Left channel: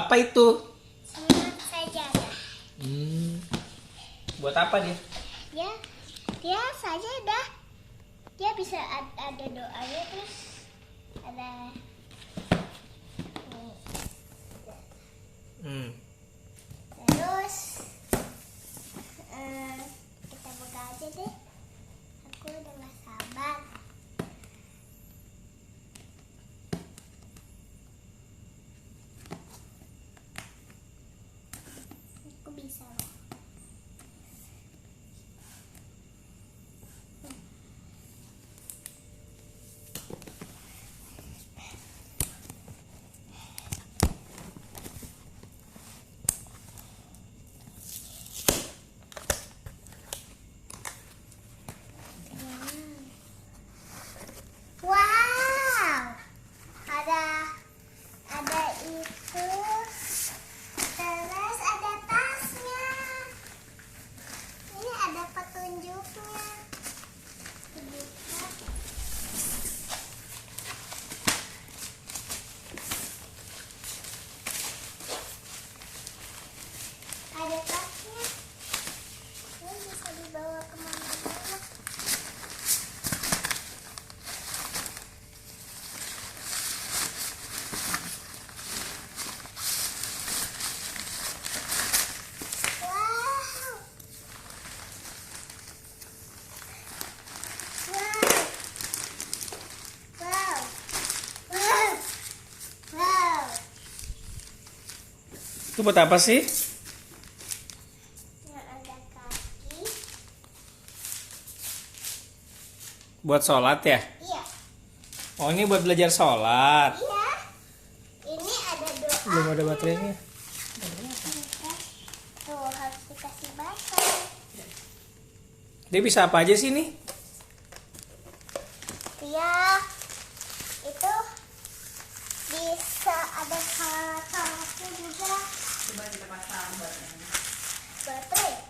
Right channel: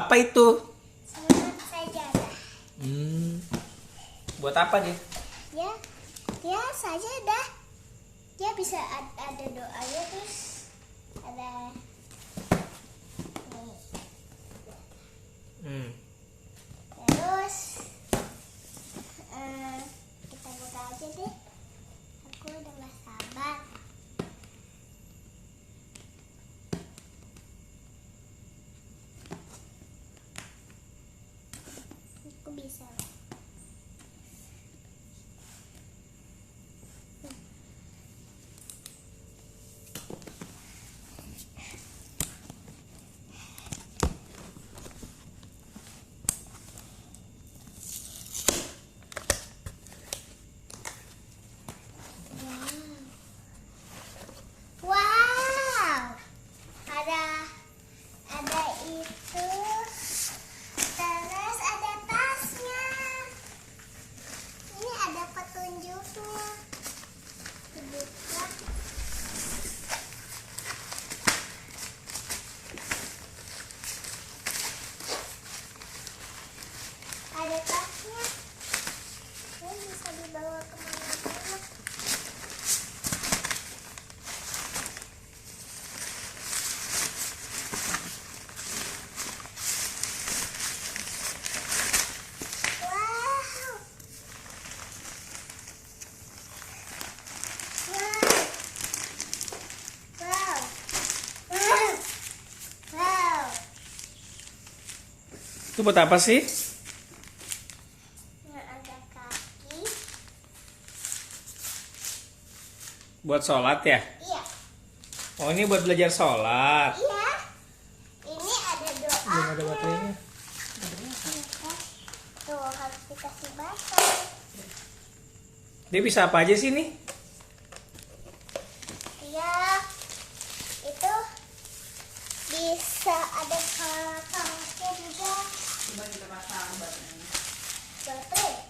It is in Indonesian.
apa itu? Semangat sajadah. Buat apa dia? Ya sajadah. Dia bisa ada doanya, terus ada terus kita buka aja deh. Aku udah gak sabar. Aku bisa. Wow, ada itu, terus ada tasnya. Ini ada petunjuknya. Dibuka. Ada tasnya. Ini bisa dibawa kemana-mana. Itu buat apa sih? Ada kaki. Buat sholat ya? Iya. Oh, ini buat belajar sholat. Iya. Ini ada doa. Belum ada baterainya. Tuh harus dikasih baterai. Dia bisa apa aja sih nih? Iya. Itu bisa ada salatnya juga. Coba kita pasang baterainya. Baterai.